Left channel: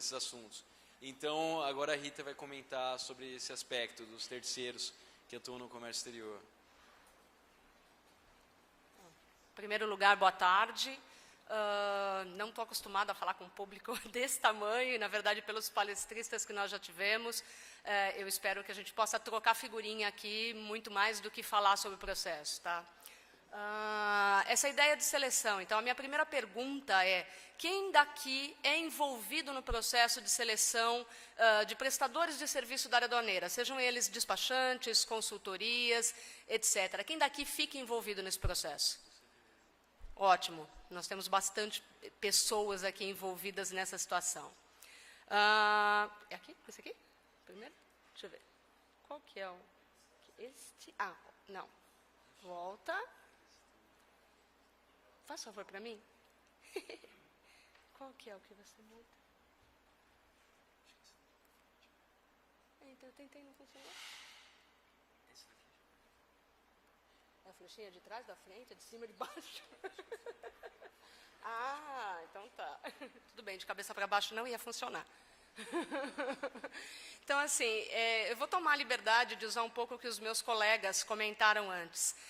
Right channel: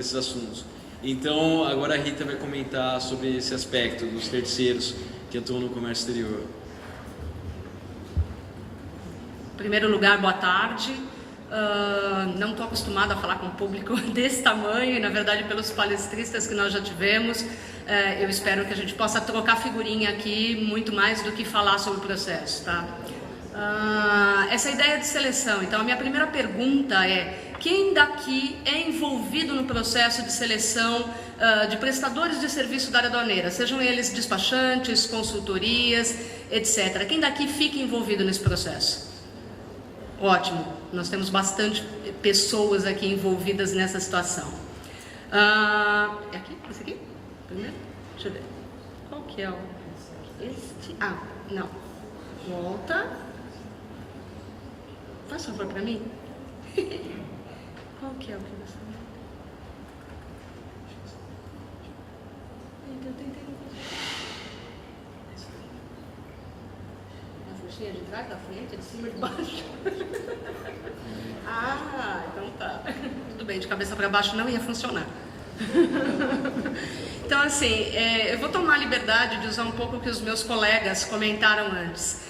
esses assuntos. Então, agora a Rita vai comentar sobre esse aspecto dos terceiros que atuam no comércio exterior. Em primeiro lugar, boa tarde. Não estou acostumada a falar com um público desse tamanho e, na verdade, pelos palestristas que nós já tivemos, eu espero que a gente possa trocar figurinha aqui muito mais do que falar sobre o processo, tá? Essa ideia de seleção. Então, a minha primeira pergunta é: quem daqui é envolvido no processo de seleção de prestadores de serviço da área aduaneira, sejam eles despachantes, consultorias, etc. Quem daqui fica envolvido nesse processo? Ótimo, nós temos bastante pessoas aqui envolvidas nessa situação. É aqui? Esse aqui? Primeiro? Deixa eu ver. Qual que é o... Este? Ah, não. Volta. Faz favor para mim. Qual que é o que você... Eu tentei não fazer. A fichinha de trás, da frente, de cima, de baixo. Então tá. Tudo bem, de cabeça para baixo não ia funcionar. Então, assim, eu vou tomar a liberdade de usar um pouco o que os meus colegas comentaram antes.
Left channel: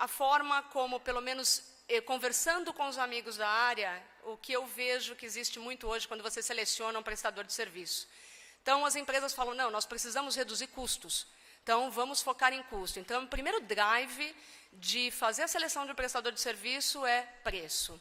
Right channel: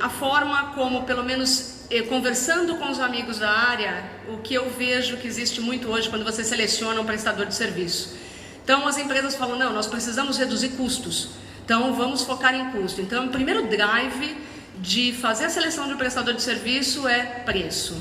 A forma como, pelo menos, conversando com os amigos da área, o que eu vejo que existe muito hoje quando você seleciona um prestador de serviço. Então, as empresas falam, não, nós precisamos reduzir custos. Então, vamos focar em custo. Então, o primeiro drive de fazer a seleção de um prestador de serviço é preço.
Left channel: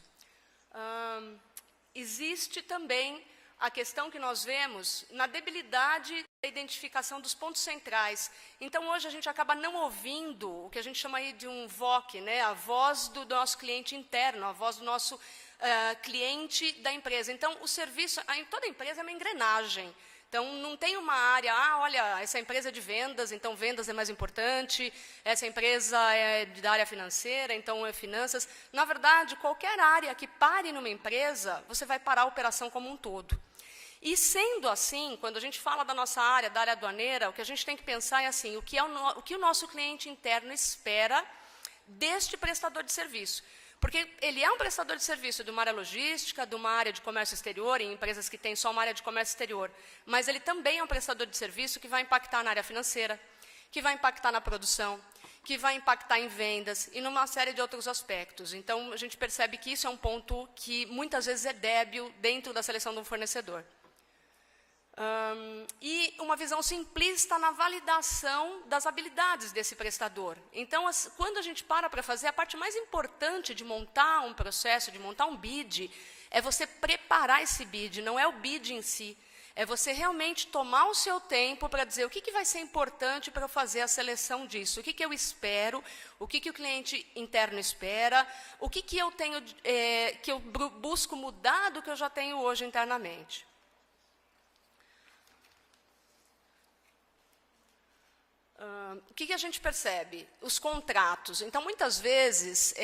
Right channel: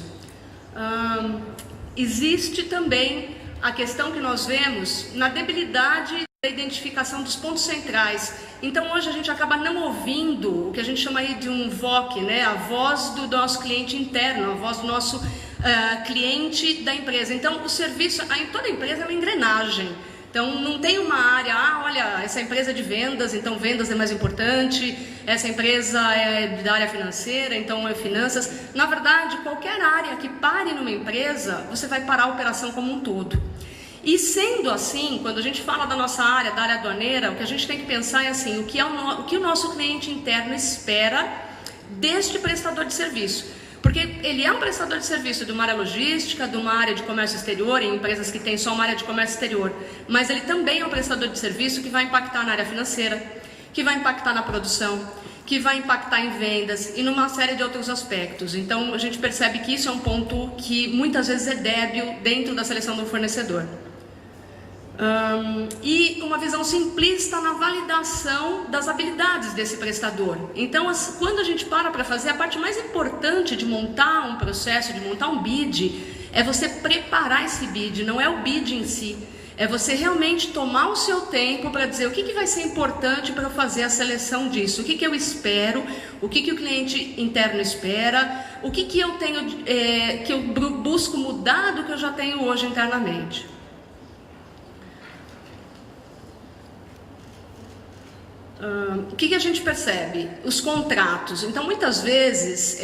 Existe também a questão que nós vemos na debilidade da identificação dos pontos centrais. Então, hoje a gente acaba não ouvindo o que a gente chama aí de um VOC, né? A voz do nosso cliente interno, a voz do nosso cliente da empresa. Então, o serviço, em toda empresa é uma engrenagem. Então, não tem uma área, olha, essa empresa é de vendas, então vendas é mais importante, essa empresa é da área financeira, então é finanças. Na verdade, qualquer área que pare numa empresa, você vai parar a operação como um todo. E sendo assim, quando a gente fala da nossa área, da área aduaneira, o que a gente tem que pensar é assim, o que o nosso cliente interno espera deste prestador de serviço. Porque ele é um prestador de serviço de uma área logística, de uma área de comércio exterior, em empresas que têm só uma área de comércio exterior. Mas ele também é um prestador de serviço que vai impactar na área financeira, que vai impactar na produção, que vai impactar em vendas e numa série de outros aspectos. Então, a gente percebe que isso é um ponto que muitas vezes é débil dentro da seleção do fornecedor. E com uma visão simplista na validação das habilidades desse prestador. Então, quando a gente para fazer, a parte mais importante de montar um processo, de montar um bid, é você preparar esse bid, não é o bid em si. É você realmente tomar o seu tempo para dizer o que vai ser importante para fazer a seleção disso, o que eu espero, o que o cliente interno espera, o que eu tenho, que eu busco mudar do que eu já tenho hoje internamente. O que a gente percebe? Os contratos. Então, muitas vezes,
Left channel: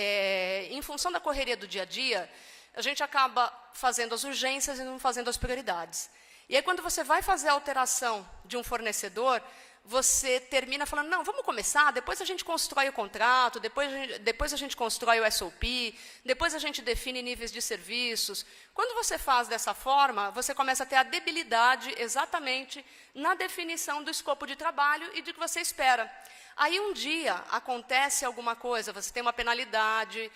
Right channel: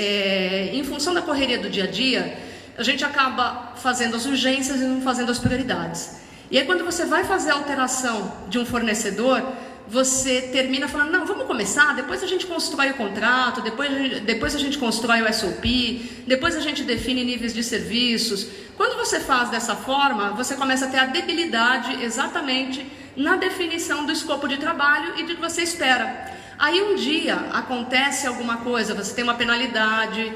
em função da correria do dia a dia, a gente acaba fazendo as urgências e não fazendo as prioridades. E aí, quando você vai fazer a alteração de um fornecedor, você termina falando, não, vamos começar, depois a gente constrói o contrato, depois a gente constrói o SOP, depois a gente define níveis de serviços. Quando você faz dessa forma, você começa a ter a debilidade exatamente na definição do escopo de trabalho e do que você espera. Aí um dia acontece alguma coisa, você tem uma penalidade,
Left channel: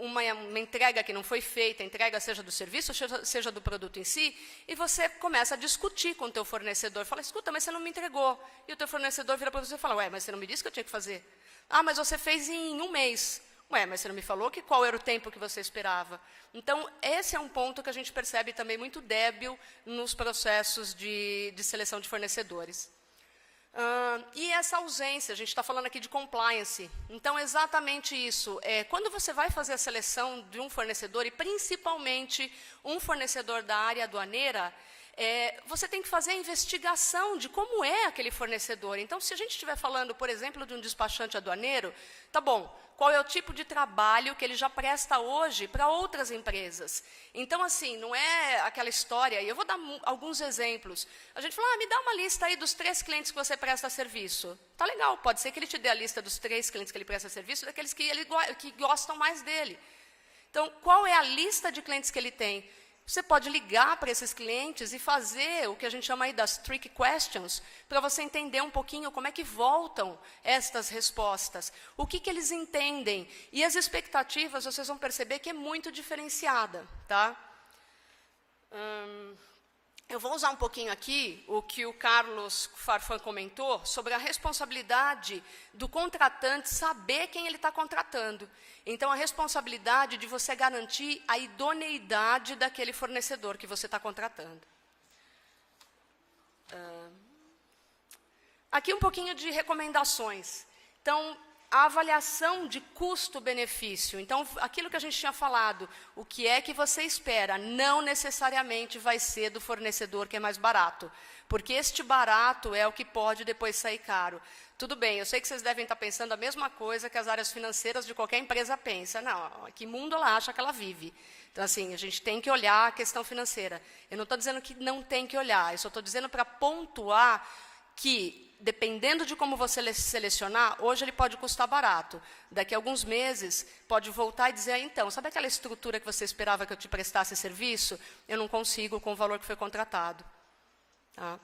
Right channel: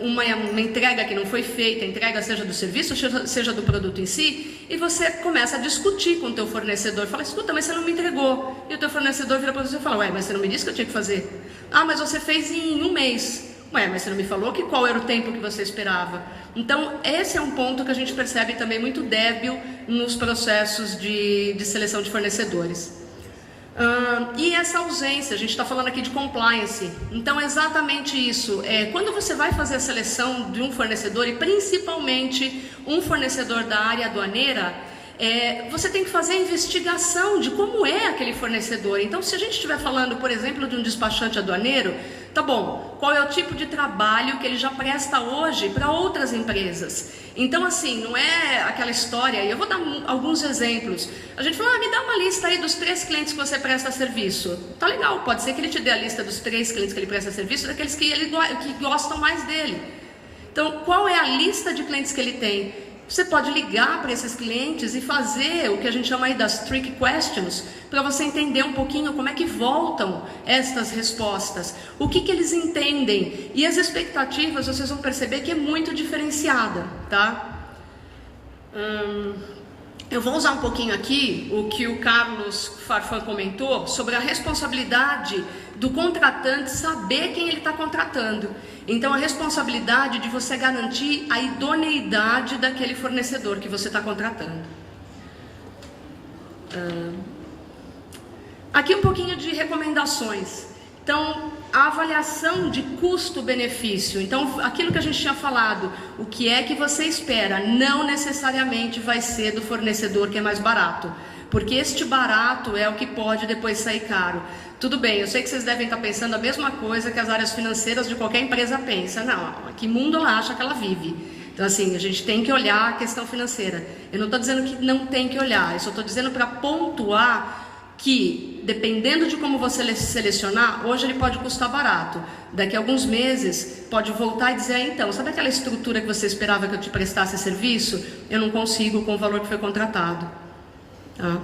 uma entrega que não foi feita, entrega seja do serviço, seja do produto em si, e você começa a discutir com o teu fornecedor, fala, escuta, mas você não me entregou. E o teu fornecedor vira para você e fala, ué, mas você não me disse que eu tinha que fazer? Ah, mas você fez em um mês. Ué, mas você não me falou qual era o tempo que você esperava? Então, esse é um ponto que a gente percebe também muito débil nos processos de seleção de fornecedores. E essa ausência, a gente está falando aqui de compliance. Então, é exatamente isso. Quando você vai fazer a seleção de um fornecedor, e principalmente um fornecedor da área aduaneira, você tem que fazer a investigação de como é aquele fornecedor. Então, se a gente estiver falando, por exemplo, de um despachante aduaneiro, tá bom, qual é o tipo de trabalho que ele já presta hoje para outras empresas? Então, assim, não é aquela história, e eu vou dar alguns exemplos. A gente fala, me dá uma lista aí dos 3 clientes que você presta serviço. Tá legal, pode ser que ele te dê a lista dos 3 clientes que ele presta serviço, daqueles que gostam mais dele. Então, qual é a lista de clientes que ele tem? você pode ligar para esses clientes e fazer o que a gente chama aí das trick questions, para você entender um pouquinho como é que voltam estas respostas, o que eles entendem. E as expectativas, vocês vão perceber que é muito diferenciada, tá? Eu vou usar um pouquinho aqui o que o Carlos Farfan comentou sobre a responsabilidade do contratante saber quem ele está contratando. Então, a responsabilidade de você garantir a idoneidade daquele fornecedor que você está contratando. Aqui um pouquinho de recomendações. Então, a avaliação de custo-benefício. Então, aquilo que a gente tinha falado, o que é que você espera, não necessariamente vai ser do fornecedor que é mais barato. Porque este barato é o que pode depois sair caro. Tudo bem, eu sei que vocês devem estar pensando a mesma coisa que as áreas financeiras de qualquer empresa pensa. Não, que mundo ela acha que ela vive? Então, assim, a gente tem que olhar a questão financeira. Eu não estou dizendo que não tem que olhar, eu só estou dizendo para pontuar que, dependendo de como você selecionar, hoje ele pode custar barato. Daqui a alguns meses, pode voltar e dizer, então, sabe aquela estrutura que você esperava que eu te prestasse serviço? Eu não consigo com o valor que foi contratado. Tá?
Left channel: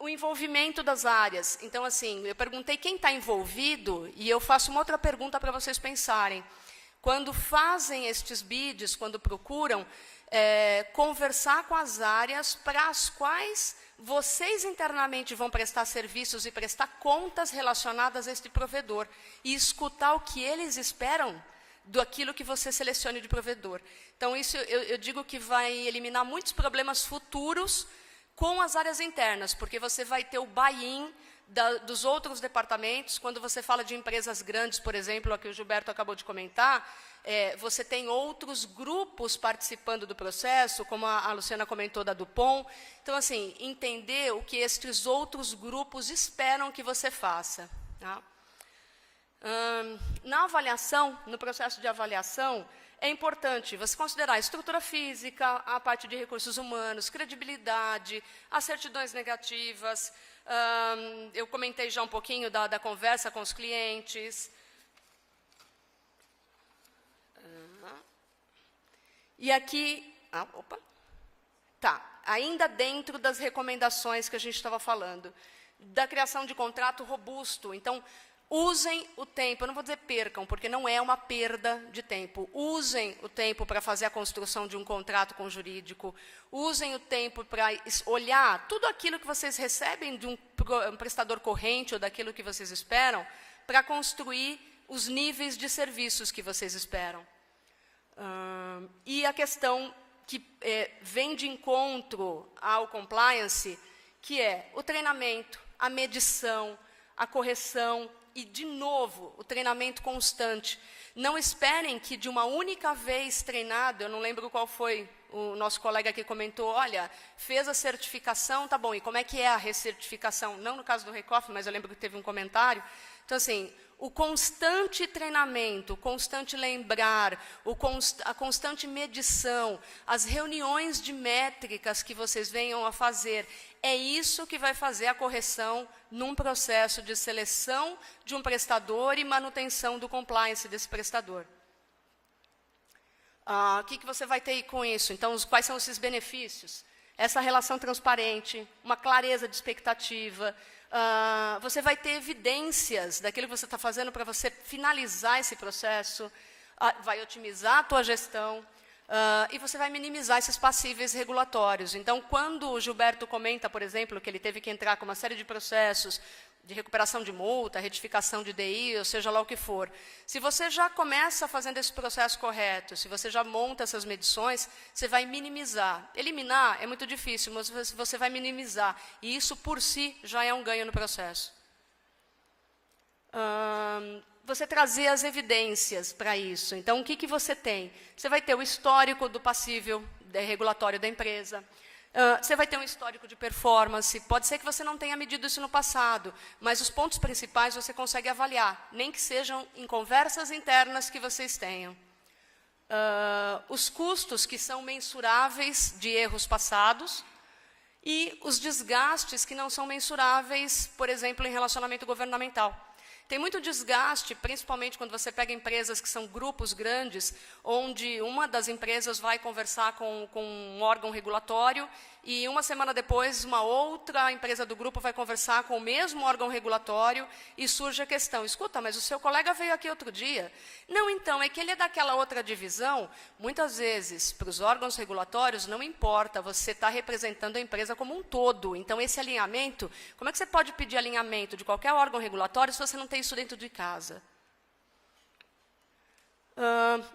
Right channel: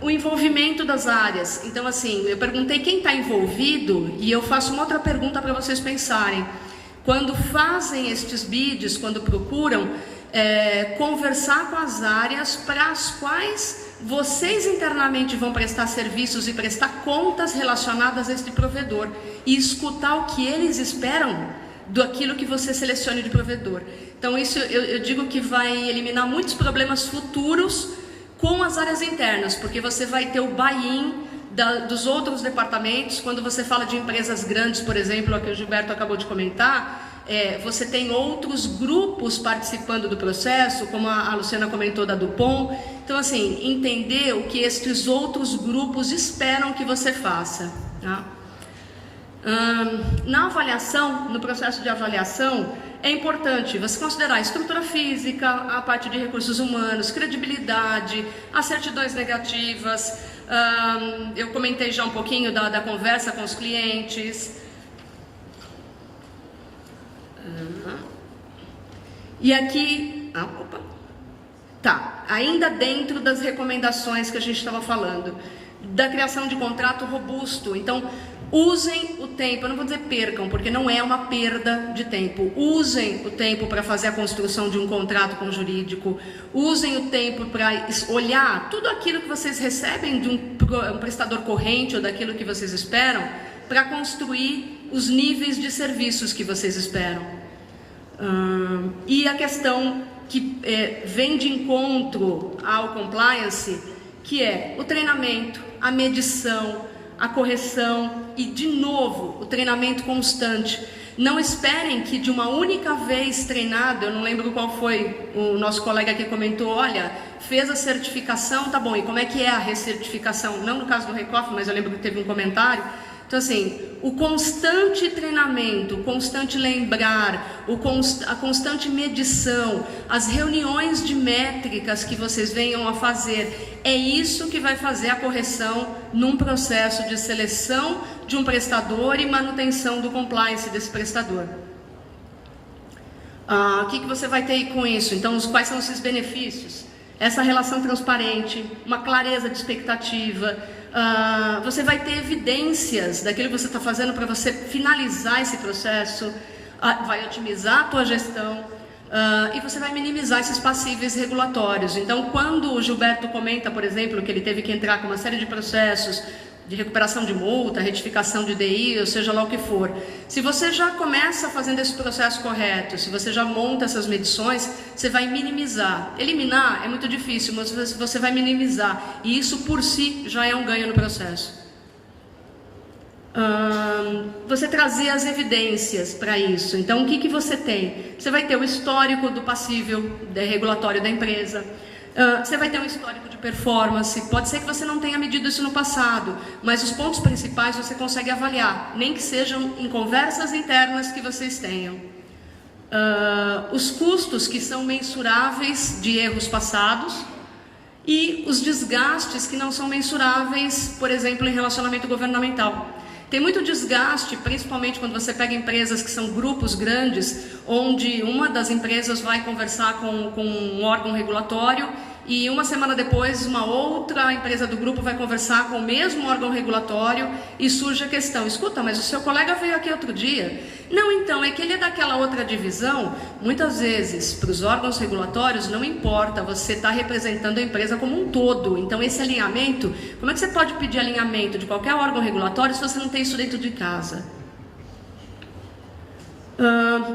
O envolvimento das áreas. Então, assim, eu perguntei quem está envolvido e eu faço uma outra pergunta para vocês pensarem. Quando fazem estes bids, quando procuram, conversar com as áreas para as quais vocês internamente vão prestar serviços e prestar contas relacionadas a este provedor e escutar o que eles esperam daquilo que você selecione de provedor. Então, isso eu digo que vai eliminar muitos problemas futuros com as áreas internas, porque você vai ter o buy-in dos outros departamentos. Quando você fala de empresas grandes, por exemplo, o que o Gilberto acabou de comentar, você tem outros grupos participando do processo, como a Luciana comentou da Dupont. Então, assim, entender o que estes outros grupos esperam que você faça. Tá? Na avaliação, no processo de avaliação, é importante você considerar a estrutura física, a parte de recursos humanos, credibilidade, as certidões negativas. Eu comentei já um pouquinho da conversa com os clientes. E aqui, ainda dentro das recomendações que a gente estava falando, da criação de contrato robusto. Então, usem o tempo, eu não vou dizer percam, porque não é uma perda de tempo. Usem o tempo para fazer a construção de um contrato com o jurídico. Usem o tempo para olhar tudo aquilo que vocês recebem de um prestador corrente ou daquilo que vocês esperam, para construir os níveis de serviços que vocês esperam. E a questão que vem de encontro ao compliance, que é o treinamento, a medição, a correção e, de novo, o treinamento constante. Não esperem que de uma única vez treinado, eu não lembro qual foi, o nosso colega que comentou, olha, fez a certificação, tá bom, e como é que é a recertificação? Não no caso do Recoff, mas eu lembro que teve um comentário. Então, assim, o constante treinamento, o constante lembrar, a constante medição, as reuniões de métricas que vocês venham a fazer, é isso que vai fazer a correção num processo de seleção de um prestador e manutenção do compliance desse prestador. O que você vai ter aí com isso? Então, quais são esses benefícios? Essa relação transparente, uma clareza de expectativa. Você vai ter evidências daquilo que você está fazendo para você finalizar esse processo, vai otimizar a tua gestão e você vai minimizar esses passíveis regulatórios. Então, quando o Gilberto comenta, por exemplo, que ele teve que entrar com uma série de processos de recuperação de multa, retificação de DI, ou seja lá o que for. Se você já começa fazendo esse processo correto, se você já monta essas medições, você vai minimizar. Eliminar é muito difícil, mas você vai minimizar. E isso por si já é um ganho no processo. Você trazer as evidências para isso. Então, o que você tem? Você vai ter o histórico do passível regulatório da empresa. Você vai ter um histórico de performance. Pode ser que você não tenha medido isso no passado, mas os pontos principais você consegue avaliar, nem que sejam em conversas internas que vocês tenham. Os custos que são mensuráveis de erros passados e os desgastes que não são mensuráveis, por exemplo, em relacionamento governamental. Tem muito desgaste, principalmente quando você pega empresas que são grupos grandes, onde uma das empresas vai conversar com um órgão regulatório e uma semana depois uma outra empresa do grupo vai conversar com o mesmo órgão regulatório e surge a questão: escuta, mas o seu colega veio aqui outro dia. Não, então, é que ele é daquela outra divisão. Muitas vezes, para os órgãos regulatórios, não importa, você está representando a empresa como um todo. Então, esse alinhamento, como é que você pode pedir alinhamento de qualquer órgão regulatório se você não tem isso dentro de casa?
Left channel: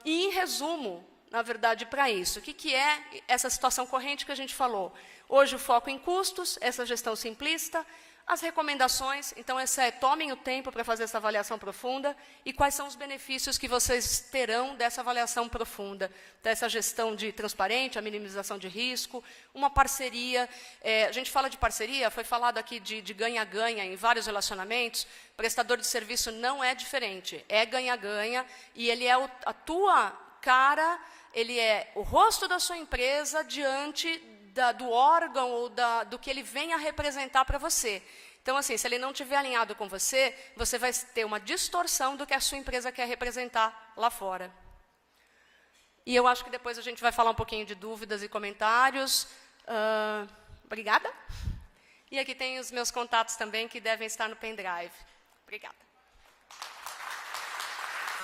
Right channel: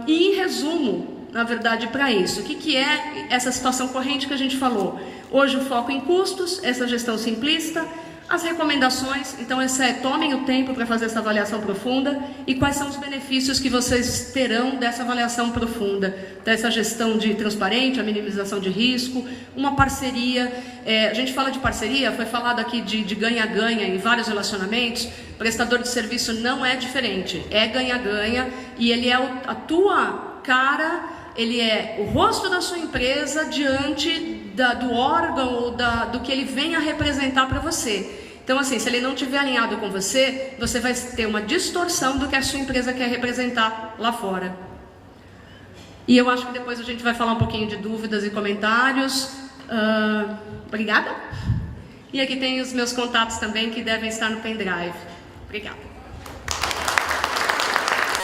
E em resumo, na verdade, para isso, o que é essa situação corrente que a gente falou? Hoje o foco em custos, essa gestão simplista, as recomendações, então tomem o tempo para fazer essa avaliação profunda e quais são os benefícios que vocês terão dessa avaliação profunda, dessa gestão de transparente, a minimização de risco, uma parceria. A gente fala de parceria, foi falado aqui de ganha-ganha em vários relacionamentos. Prestador de serviço não é diferente, é ganha-ganha e ele é a tua cara. Ele é o rosto da sua empresa diante do órgão ou do que ele vem a representar para você. Então, assim, se ele não estiver alinhado com você, você vai ter uma distorção do que a sua empresa quer representar lá fora. E eu acho que depois a gente vai falar um pouquinho de dúvidas e comentários. Obrigada. E aqui tem os meus contatos também, que devem estar no pendrive. Obrigada.